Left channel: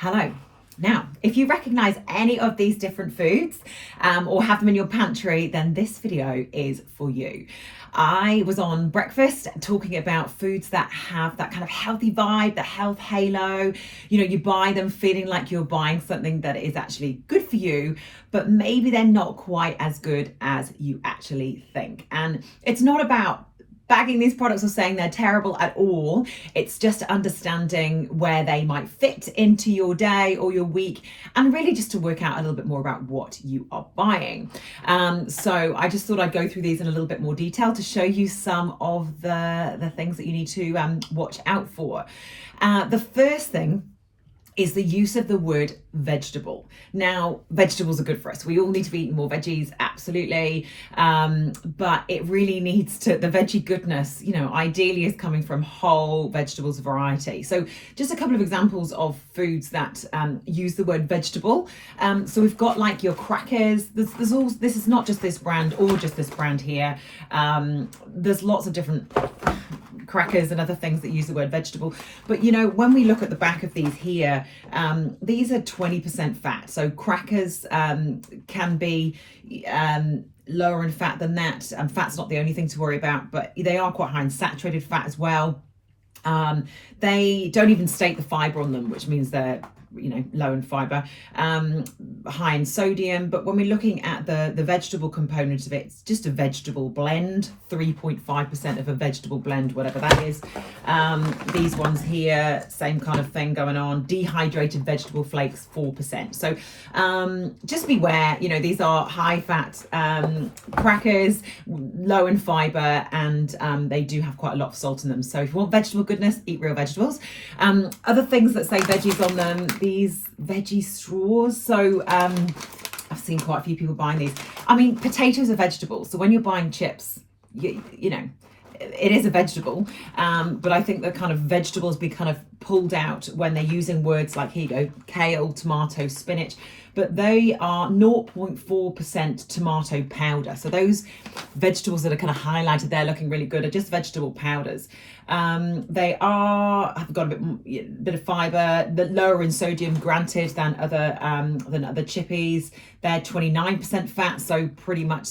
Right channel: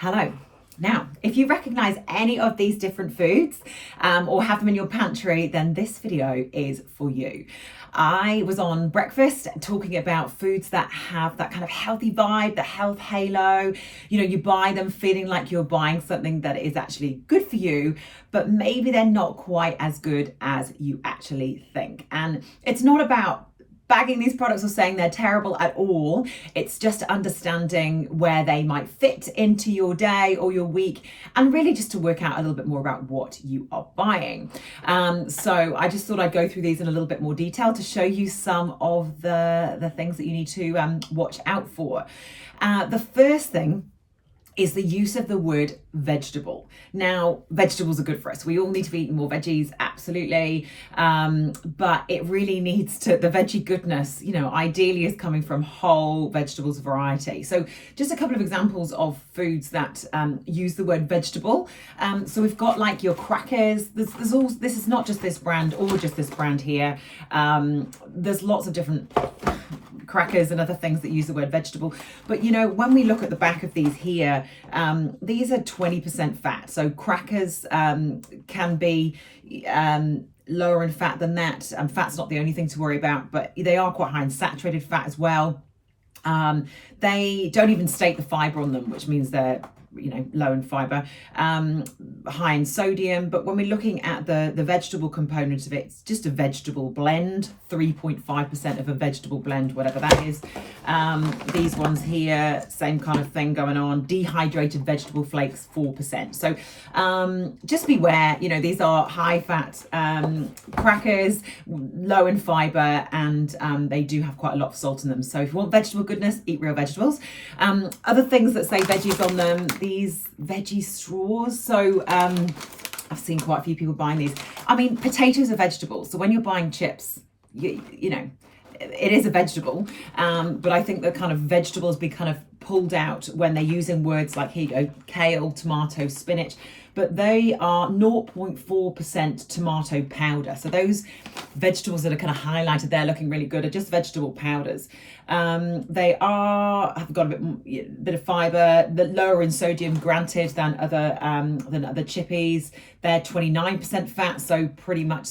Hello. Now, if you recognize any of these different foods or have them in your pantry, then this video is for you. I was on breakfast talking about foods that have that kind of healthy vibe, the health halo. You know, you buy them feeling like you're buying something that is actually good for you, but maybe they're not quite as good as you actually think. And it's not about bagging these products or saying they're terrible at all. It's just understanding where they might fit into your day or your week, and really just to work out a little bit more about what you are buying. So I just thought I'd go through these in a little bit more detail to show you some of the things that you need to watch out for. The first thing is the use of the word vegetable. Now, vegetables are good for us. We all need to be eating more veggies, absolutely. But it really needs to, the veggie goodness, you know, ideally is coming from whole vegetables variety. So just a couple of examples of foods that use the word vegetable. So we've got like your crackers. There's all, this is not just this brand or just this brand here. There's lots of different crackers and other things that use the word vegetable. But you know, when we look at the back of these here, these are 20% fat. So crackers can be lower in fat than that. And fat's not the only thing to worry about, but they are quite high in saturated fat as well. They don't even state the fiber on them, which means they're, you know, low in fiber, high in sodium. But when we're looking at the vegetable component of it, it's just a vegetable blend, 3.5% of a vegetable blend, whatever that is. These ones here, same kind of thing going on. Dehydrated vegetable flakes, 4%. So just beware, you know, these are high fat crackers, low in fiber, and they do have quite a lot of salt in them. So if you want vegetable goodness, eat real vegetables. Other things that say veggies on them, these veggie straws. So I've seen quite a few people buying these. I mean, potatoes are vegetables. So when you're buying chips, you know, it is a vegetable. But I think the kind of vegetables be kind of pulled out when they're using words like, here you go, kale, tomato, spinach. But they are 0.4% tomato powder. So those vegetables that are kind of highlighted there looking really good are just vegetable powders. They have got a bit of fiber, but lower in sodium, granted, than other chippies. They're 29% fat, so pretty much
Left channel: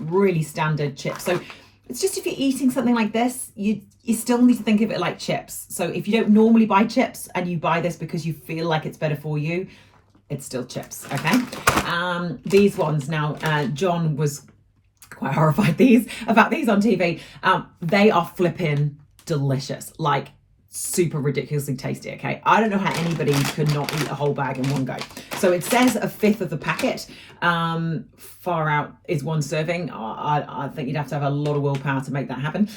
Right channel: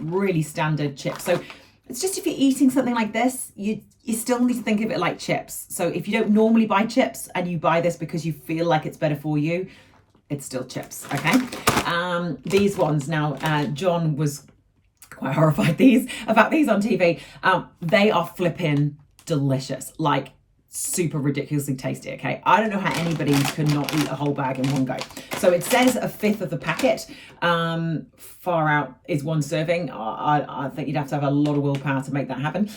really standard chips. So it's just, if you're eating something like this, you still need to think of it like chips. So if you don't normally buy chips and you buy this because you feel like it's better for you, it's still chips, okay? These ones now, John was quite horrified about these on TV. They are flipping delicious, like super ridiculously tasty, okay? I don't know how anybody could not eat a whole bag in one go. So it says a fifth of the packet. Far out is one serving. I think you'd have to have a lot of willpower to make that happen.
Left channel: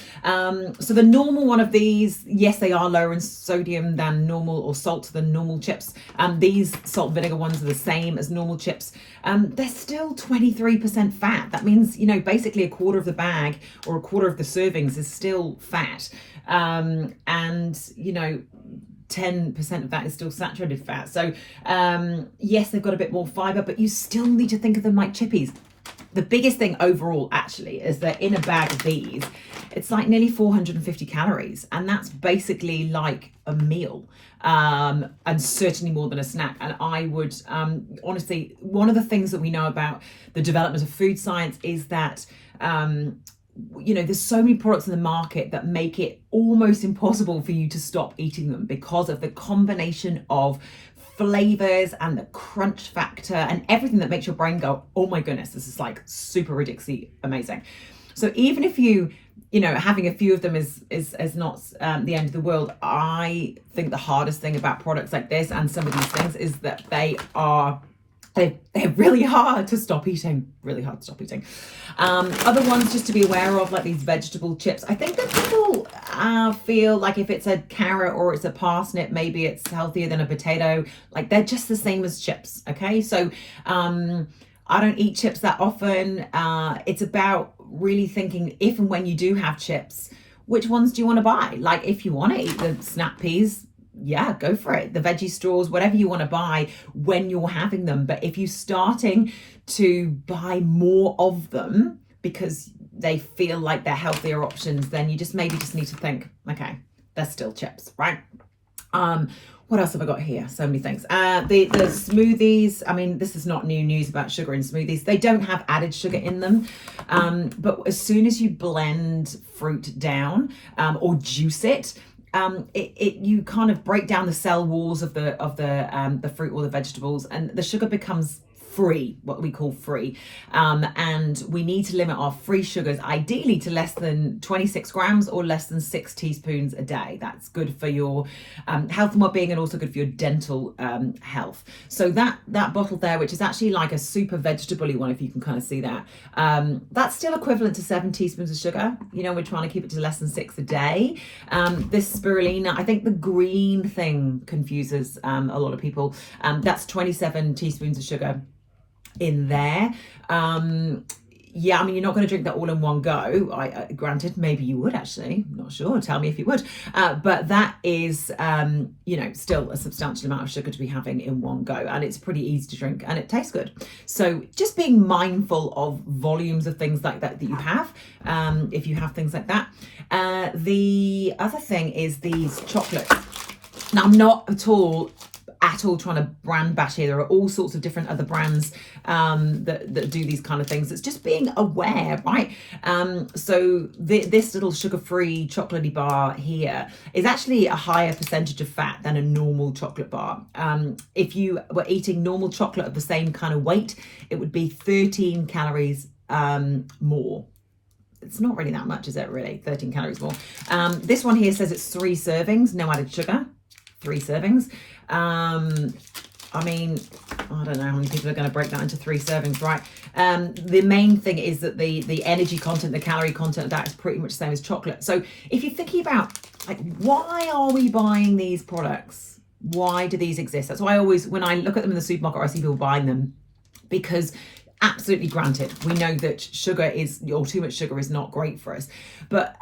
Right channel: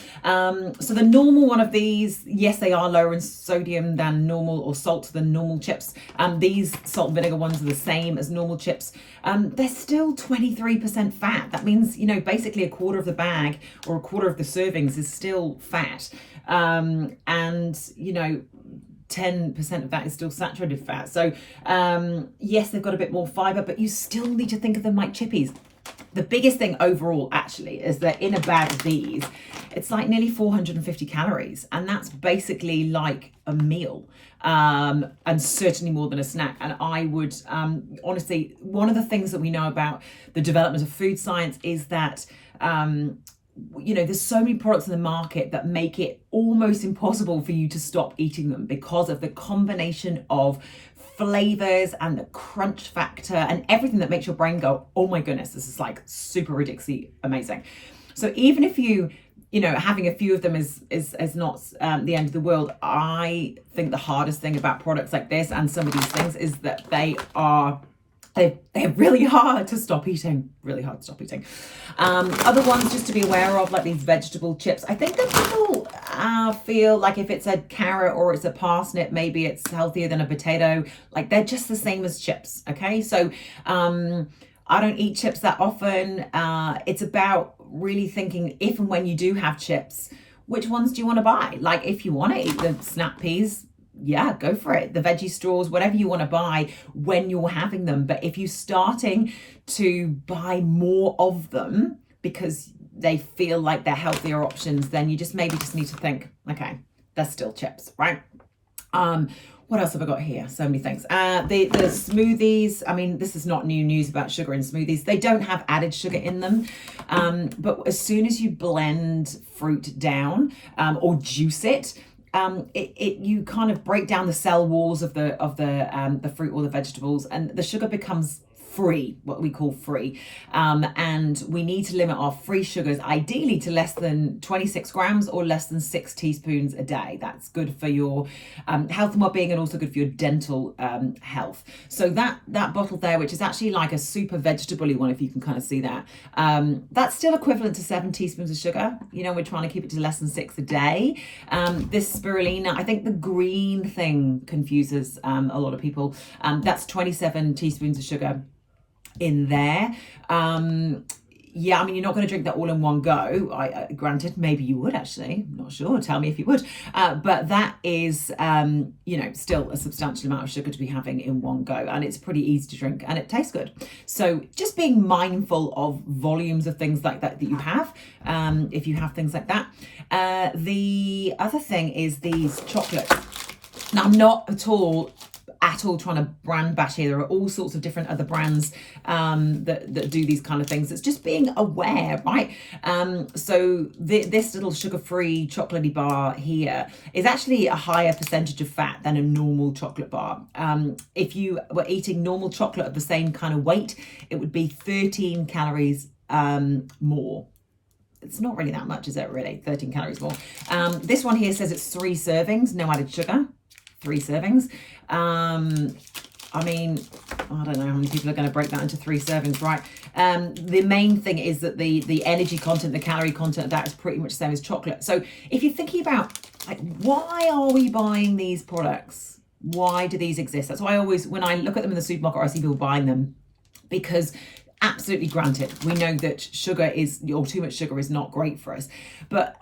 So the normal one of these, yes, they are lower in sodium than normal, or salt than normal chips. These salt and vinegar ones are the same as normal chips. They're still 23% fat. That means, you know, basically a quarter of the bag or a quarter of the servings is still fat. And, you know, 10% of that is still saturated fat. So yes, they've got a bit more fiber, but you still need to think of them like chippies. The biggest thing overall actually is that in a bag of these, it's like nearly 450 calories, and that's basically like a meal, and certainly more than a snack. And I would honestly, one of the things that we know about the development of food science is that you know, there's so many products in the market that make it almost impossible for you to stop eating them because of the combination of flavors and the crunch factor and everything that makes your brain go, oh my goodness, this is like super ridiculously amazing. So even if you know, having a few of them is not the end of the world, I think the hardest thing about products like this and some of these things is that they're really hard to stop eating, Other ones just to be aware of, like these vegetable chips. I think that people feel like if it's a carrot or it's a parsnip, maybe it's healthier than a potato. Like they're just the same as chips, okay? So I don't eat chips that often. It's about really thinking, if and when you do have chips, which ones do you want to buy? Like if you want to eat the snap peas, yeah, go for it. The veggie straws, whatever you want to buy when you're having them. But if you're starting to buy more of them because they feel like they're healthier options, then you just maybe just need to think, okay, they're still chips, right? What else have I got here? So many things. The smoothies. I mean, this is not new news about sugar in smoothies. They don't have added sugar in them, but as soon as you blend fruit down or juice it, you kind of break down the cell walls of the fruit or the vegetables, and the sugar becomes free, what we call free. And we need to limit our free sugars ideally to less than 26 grams or less than 6 teaspoons a day. That's good for your health and well-being, and also good for your dental health. So that bottle there, which is actually like a super vegetable-y one, if you can kind of see that, that's still equivalent to 7 teaspoons of sugar. You know, we're trying to keep it to less than 6 a day. This spirulina, I think the green thing confuses a lot of people. That's 27 teaspoons of sugar in there. Yeah, I mean, you're not going to drink that all in one go. Granted, maybe you would actually. I'm not sure. Tell me if you would. But that is, still a substantial amount of sugar to be having in one go. And it's pretty easy to drink and it tastes good. So just being mindful of volumes of things like that you have, if you have things like that. The other thing is these chocolates. Now, I'm not at all trying to brand bash here. There are all sorts of different other brands that do these kind of things. It's just being aware, right? So this little sugar-free chocolatey bar here is actually a higher percentage of fat than a normal chocolate bar. If you were eating normal chocolate of the same kind of weight, it would be 13 calories more. It's not really that much, is it really? 13 calories more. This one here says it's 3 servings, no added sugar. 3 servings. I mean, I don't know how many people are going to break that into 3 servings, right? The main thing is that the energy content, the calorie content of that is pretty much the same as chocolate. So if you're thinking about, like, why are we buying these products? Why do these exist? That's why I always, when I look at them in the supermarket, I see people buying them, because absolutely, granted, we know that sugar is, or too much sugar is not great for us. But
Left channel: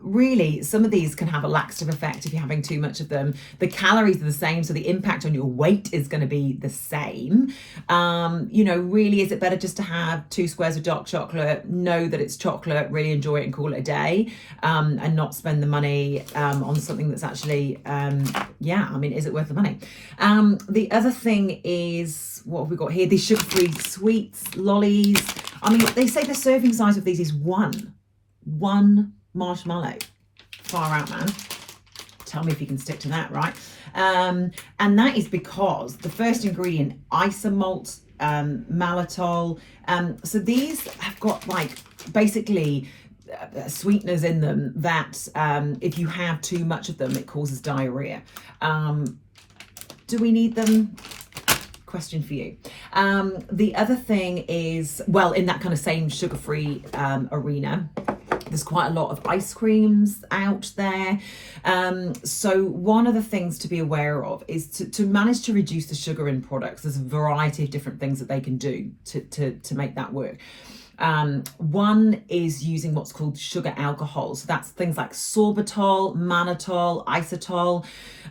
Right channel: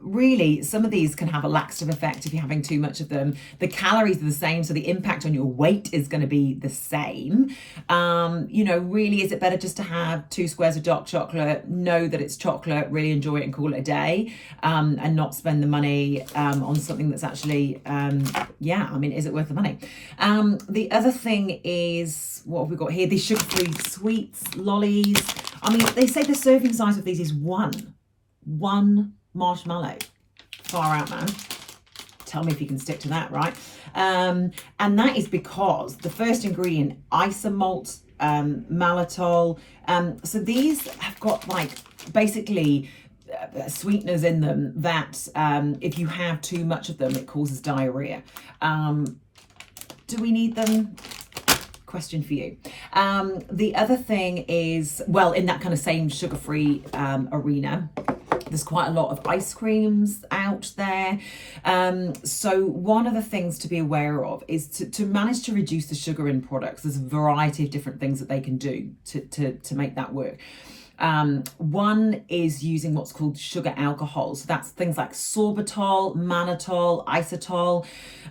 really, some of these can have a laxative effect if you're having too much of them. The calories are the same, so the impact on your weight is going to be the same. Really, is it better just to have 2 squares of dark chocolate, know that it's chocolate, really enjoy it and call it a day, and not spend the money on something that's actually, is it worth the money? The other thing is, what have we got here? These sugar-free sweets, lollies. I mean, they say the serving size of these is one marshmallow. Far out, man. Tell me if you can stick to that, right? And that is because the first ingredient, isomalt, maltitol. So these have got, like, basically sweeteners in them that if you have too much of them, it causes diarrhea. Do we need them? Question for you. The other thing is, well, in that kind of same sugar-free arena, there's quite a lot of ice creams out there. So one of the things to be aware of is to manage to reduce the sugar in products. There's a variety of different things that they can do to make that work. One is using what's called sugar alcohols. So that's things like sorbitol, mannitol, isotal,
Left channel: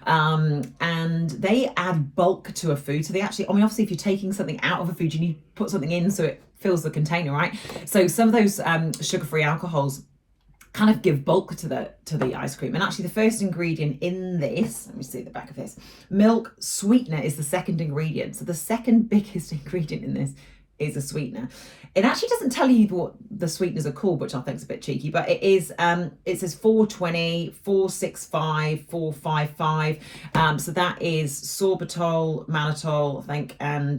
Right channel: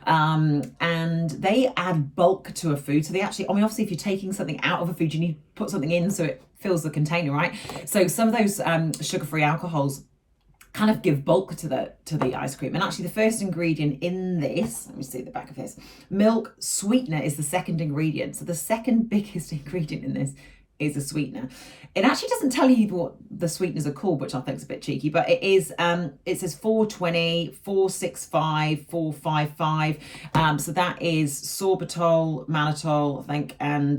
and they add bulk to a food. So they actually, I mean, obviously if you're taking something out of a food, you need to put something in so it fills the container, right? So some of those sugar-free alcohols kind of give bulk to the ice cream. And actually the first ingredient in this, let me see the back of this, milk sweetener is the second ingredient. So the second biggest ingredient in this is a sweetener. It actually doesn't tell you what the sweeteners are called, which I think is a bit cheeky, but it is, it says 420, 465, 455. So that is sorbitol, mannitol, I think, and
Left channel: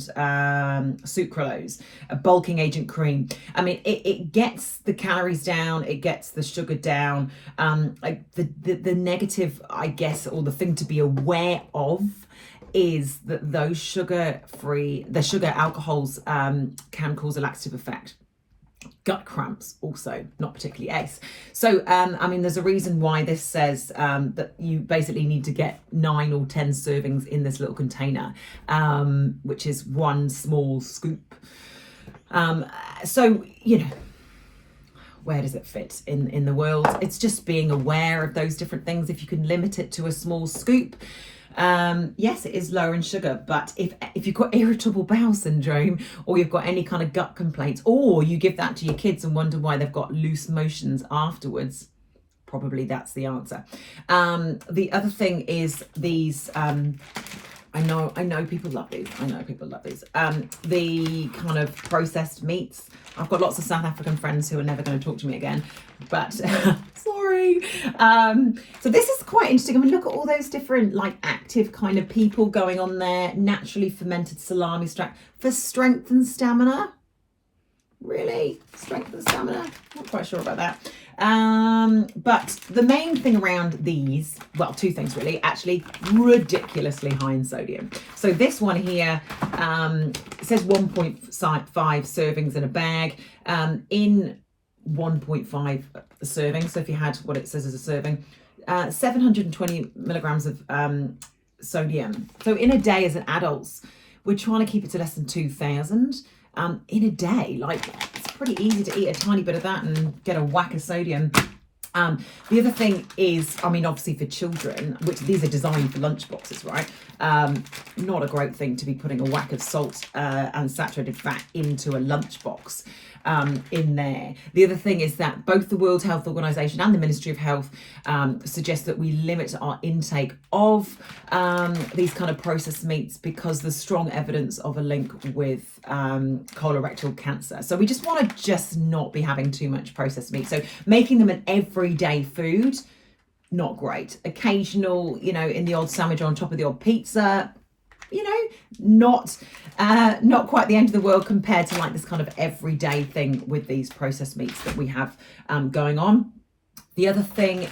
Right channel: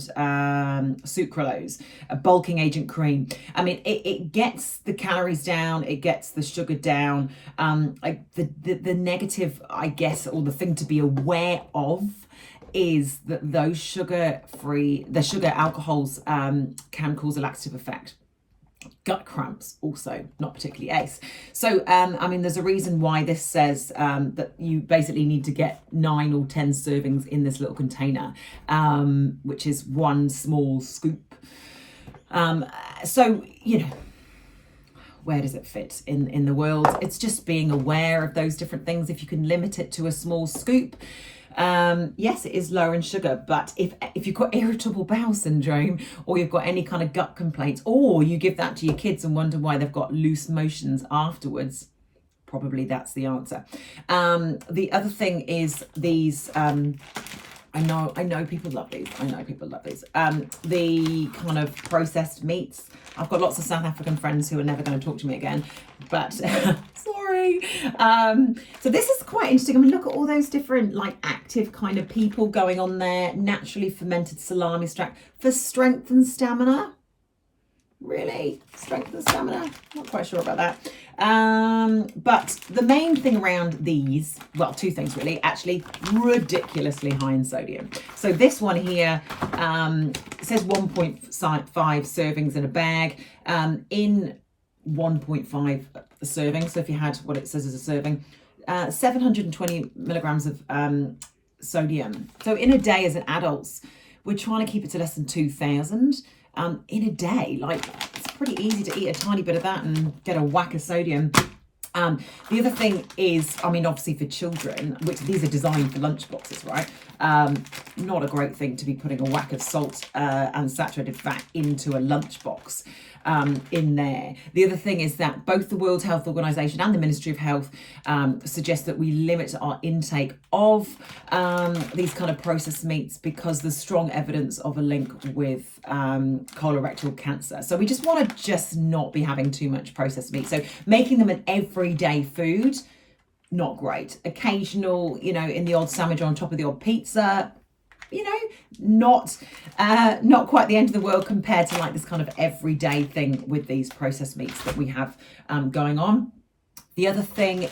sucralose, a bulking agent cream. I mean, it gets the calories down, it gets the sugar down. Like the negative, I guess, or the thing to be aware of is that those sugar alcohols can cause a laxative effect. Gut cramps also not particularly ace. So there's a reason why this says that you basically need to get 9 or 10 servings in this little container, which is 1 small scoop. So where does it fit in the world? It's just being aware of those different things. If you can limit it to a small scoop, yes, it is lower in sugar, but if you've got irritable bowel syndrome, or you've got any kind of gut complaints, or you give that to your kids and wonder why they've got loose motions afterwards, probably that's the answer. The other thing is these, I know people love these. The kind of processed meats. I've got lots of South African friends who are never going to talk to me again, but sorry. So this is quite interesting. I mean, look at all those different like active kind of people going on there. Naturally fermented salami strap for strength and stamina. Really? Strength and stamina? Not quite sure about that. But the main thing around these, well, two things really, actually ridiculously high in sodium. So this one here says 1.5 servings in a bag. In 1.5 serving, so if you had what it says as a serving, 720 milligrams of sodium. So in a day as an adults, we're trying to keep it to less than 2,000. In a day, like it's pretty easy to eat a tiny bit of that and get a whack of sodium. The other thing is, I mean, obviously for children, which these are designed for lunch boxes, right? Not a great thing to be putting a whack of salt and saturated fat into a lunch box in there. The other thing is that both the World Health Organization and the Ministry of Health suggest that we limit our intake of these kind of processed meats because there's strong evidence of a link with colorectal cancer. So we just want to just not be having too much processed meat. So making them an everyday food, not great. Occasional, in the odd sandwich or on top of the odd pizza, not quite the end of the world compared to like this kind of everyday thing with these processed meats that we have going on. The other thing,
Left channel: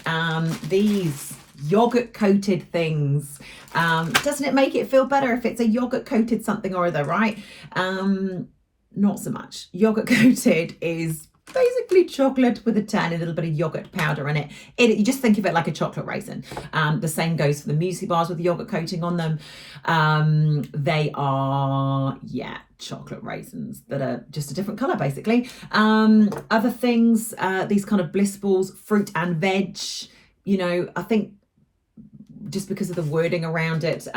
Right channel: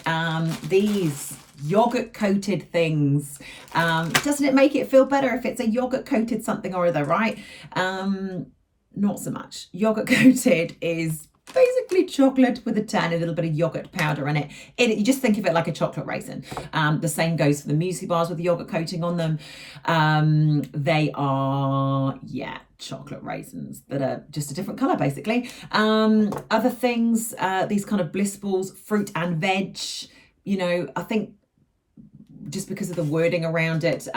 these yogurt coated things, doesn't it make it feel better if it's a yogurt coated something or other, right? Not so much. Yogurt coated is basically chocolate with a tiny little bit of yogurt powder in it. You just think of it like a chocolate raisin. The same goes for the muesli bars with the yogurt coating on them. They are, chocolate raisins that are just a different colour, basically. Other things, these kind of bliss balls, fruit and veg, I think just because of the wording around it,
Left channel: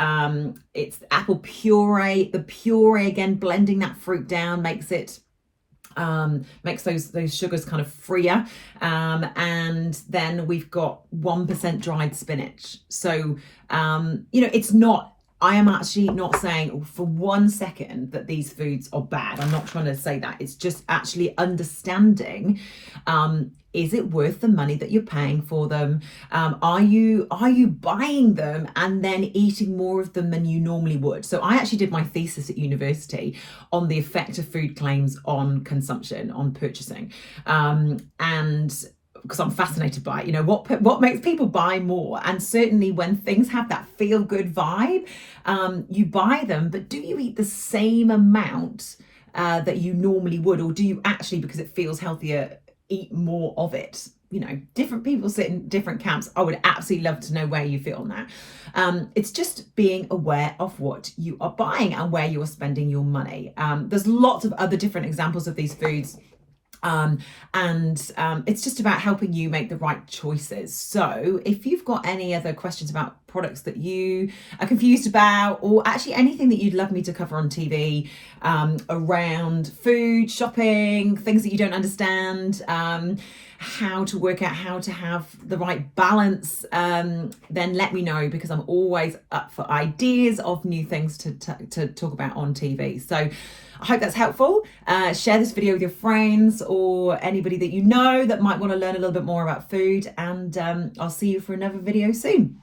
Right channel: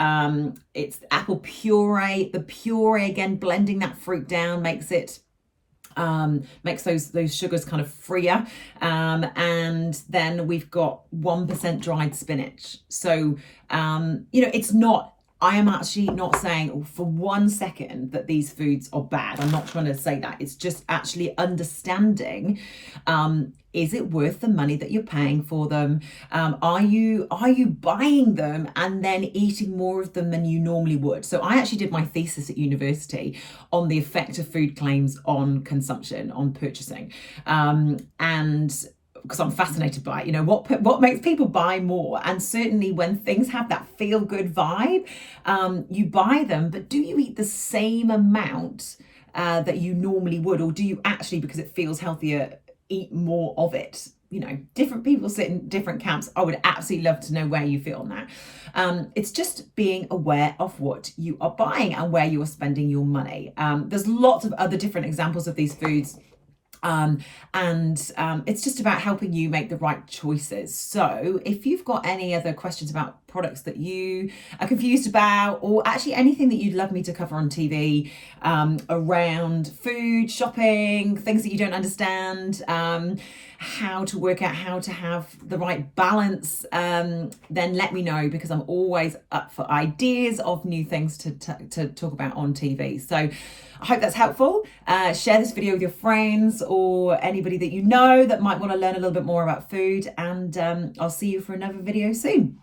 it's apple puree. The puree, again, blending that fruit down makes it makes those sugars kind of freer, and then we've got 1% dried spinach. So it's not, I am actually not saying for 1 second that these foods are bad. I'm not trying to say that. It's just actually understanding, is it worth the money that you're paying for them? Are you buying them and then eating more of them than you normally would? So I actually did my thesis at university on the effect of food claims on consumption, on purchasing, and because I'm fascinated by it, what makes people buy more. And certainly when things have that feel good vibe, you buy them, but do you eat the same amount that you normally would, or do you actually, because it feels healthier, eat more of it? Different people sit in different camps. I would absolutely love to know where you fit on that. It's just being aware of what you are buying and where you are spending your money. There's lots of other different examples of these foods. It's just about helping you make the right choices. So if you've got any other questions about products that you are confused about, or actually anything that you'd love me to cover on TV around food, shopping, things that you don't understand, how to work out how to have the right balance, then let me know, because I'm always up for ideas of new things to talk about on TV. So I hope that's helpful. Share this video with your friends or anybody that you know that might want to learn a little bit more about food, and I'll see you for another video soon.